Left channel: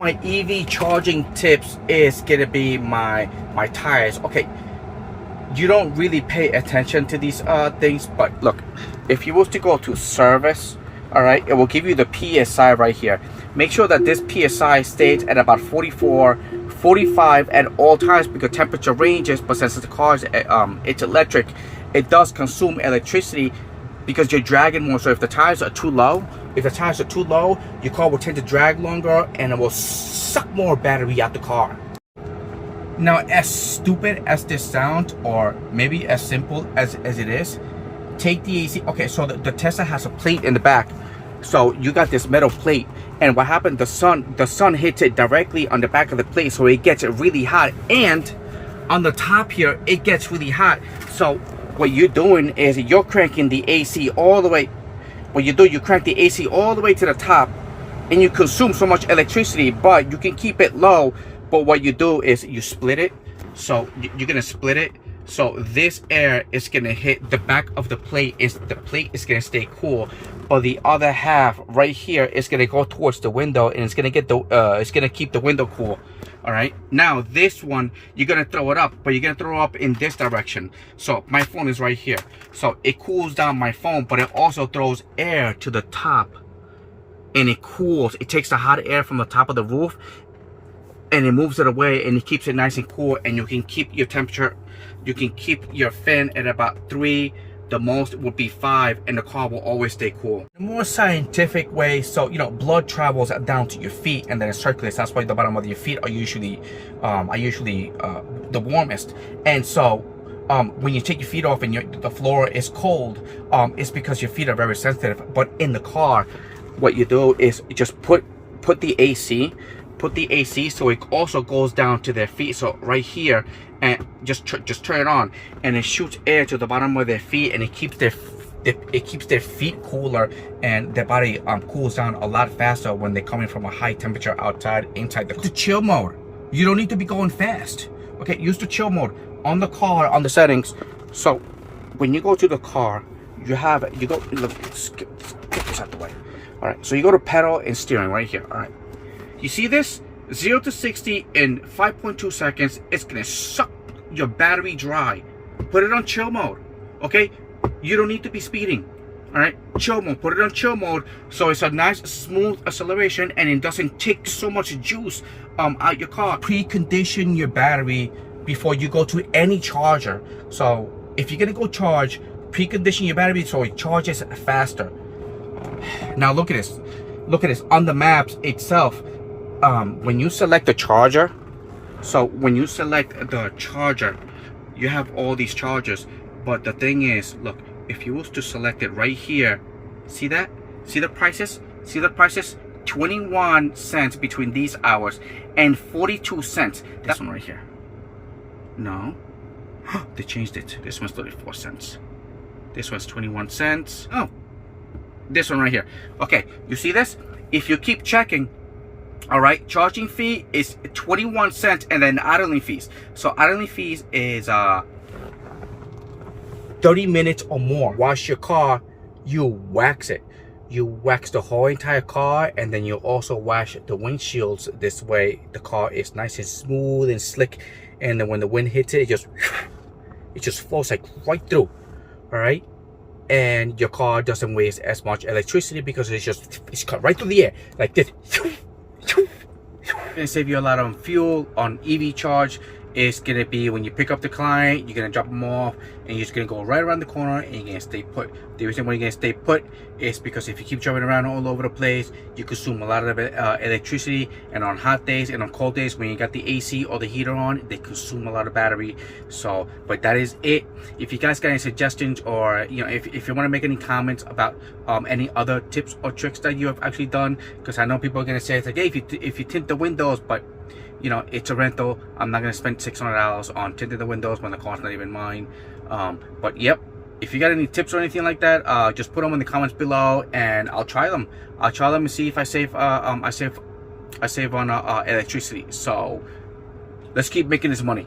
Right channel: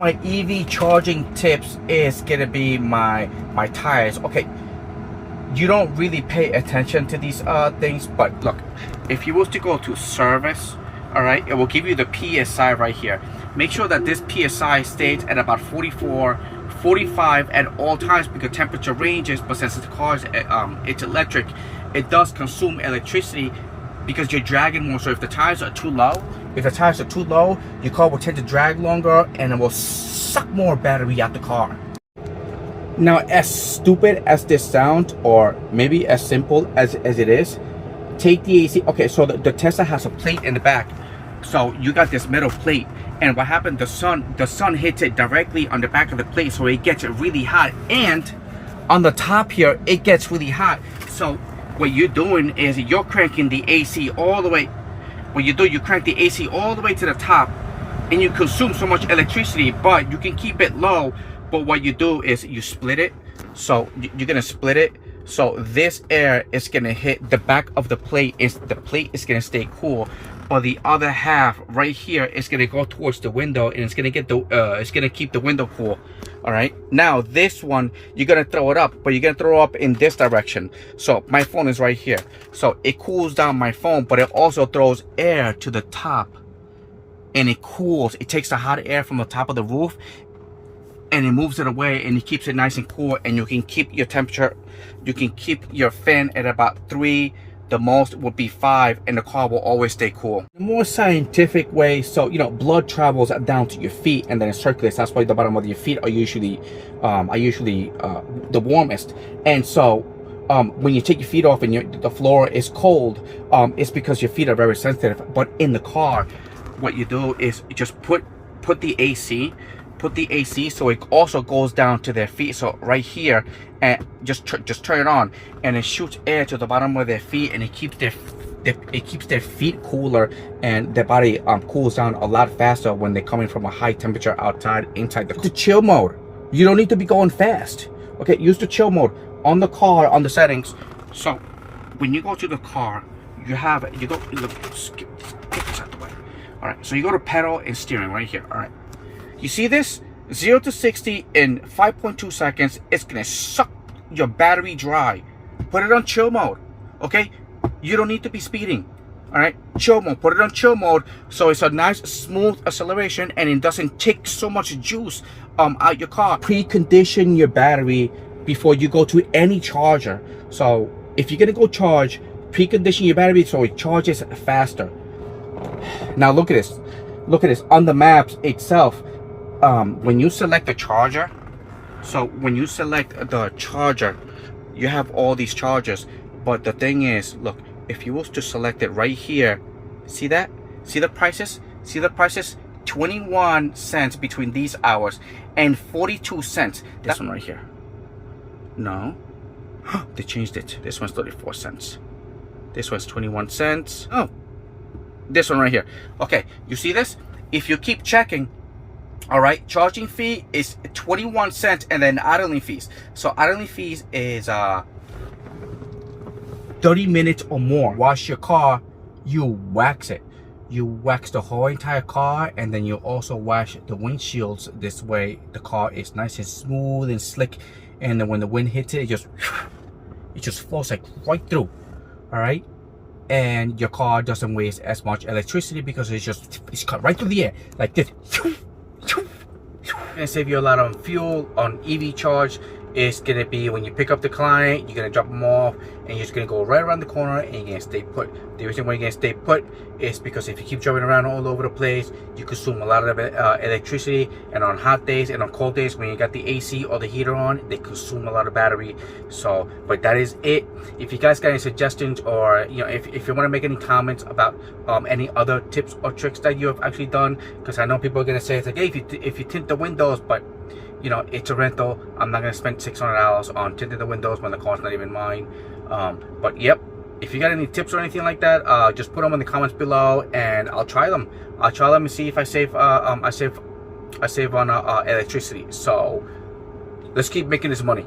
My EV charging tips is gonna be my tires. Okay, you don't really pay attention to these things, but look, if you was to go to service, all right, it will give you the PSI right here. Make sure that this PSI stays at about 44, 45 at all times, because temperature ranges, but since the car is it's electric, it does consume electricity because you're dragging more. So if the tires are too low, your car will tend to drag longer and it will suck more battery out the car. Now, as stupid as this sounds, or maybe as simple as it is, take the AC. Okay, so the Tesla has a plate in the back. So you got this metal plate, and what happened, the sun hits it directly on the back of the plate, so it gets it really hot, and on the top here it gets really hot. So what you're doing is you're cranking the AC all the way. What you do, you crank the AC all the way to the top, and you consume so much electricity, but you can keep it low. But what you do is you split it. So you're gonna split it, so this air is gonna hit the back of the plate. The plate is gonna stay cool, but the other half right here is gonna go towards the window, and it's gonna get it's gonna keep the window cool. All right, now this one, you're gonna throw it up, but you're gonna throw up in this direction. So my phone is right here, so it cools down my phone, but it also throws air to the top, and it cools. It takes the hot air from the top of the roof and it moves it away, and it keeps it nice and cool, and you can keep your temperature, you can keep your fan at about 3, the most would be 5, and the car will always stay cool. The more scientific way, so you know, blood travels down to your feet and then it circulates. That's why the bottom of your feet are usually the warmest. And so when you take your feet off and the floor is cold, it's because your feet are very sensitive. But in the car, what you do is you just put the AC so it also goes down to their feet. So right here, and just turn it on, and it shoots air to the bottom of their feet, and it keeps their feet cooler, and their body cools down a lot faster when they're coming from a high temperature inside the chill mode. You don't need to be going fast. Okay, use the chill mode on the car, on the settings. So when you go to the car, look, get this out the way. All right, so you go to pedal and steering right here. All right, you see this? 0 to 60 in 5.2 seconds. It's gonna suck your battery dry. Put it on chill mode, okay? You don't need to be speeding, all right? Chill mode, put it on chill mode, so it's a nice smooth acceleration, and it doesn't take so much juice out your car. Precondition your battery before you go to any charger. So if you're gonna go charge, precondition your battery so it charges faster. Now look at this on the maps itself. When you select the charger, you have all these chargers, but the thing is, look, if you was to select it right here, see that? See the prices? 21 cents between these hours and 42 cents. This one right here. No, they changed it. This one's 34 cents. This one's 21 cents. Oh, this one right here. Okay, you see this? If you keep checking, all right, charging fee is 21 cents, and then idling fees. So idling fees is 30 minutes or more. Wash your car, you wax it. You wax the whole entire car, and then you also wash the windshields. This way the car is nice and smooth and slick, and then when the wind hits it, it just flows like right through. All right, and your car doesn't waste as much electricity because it's cut right through the air like this. Gonna save you a lot on fuel. On EV charge, it's gonna be when you pick up the client, you're gonna drop them off, and you're just gonna go right around the corner, and you're gonna stay put. The reason why you're gonna stay put is because if you keep driving around all over the place, you consume a lot of electricity, and on hot days and on cold days when you got the AC or the heater on, they consume a lot of battery. So, but that is it. If you guys got any suggestions, or you know, if you want to make any comments about any other tips or tricks that you have actually done, because I know people are gonna say it's like, hey, if you tint the windows, but you know, it's a rental. I'm not gonna spend $600 on tinting the windows when the car's not even mine. But yep, if you got any tips or anything like that, just put them in the comments below, and I'll try them. And see if I save on electricity. So let's keep making this money.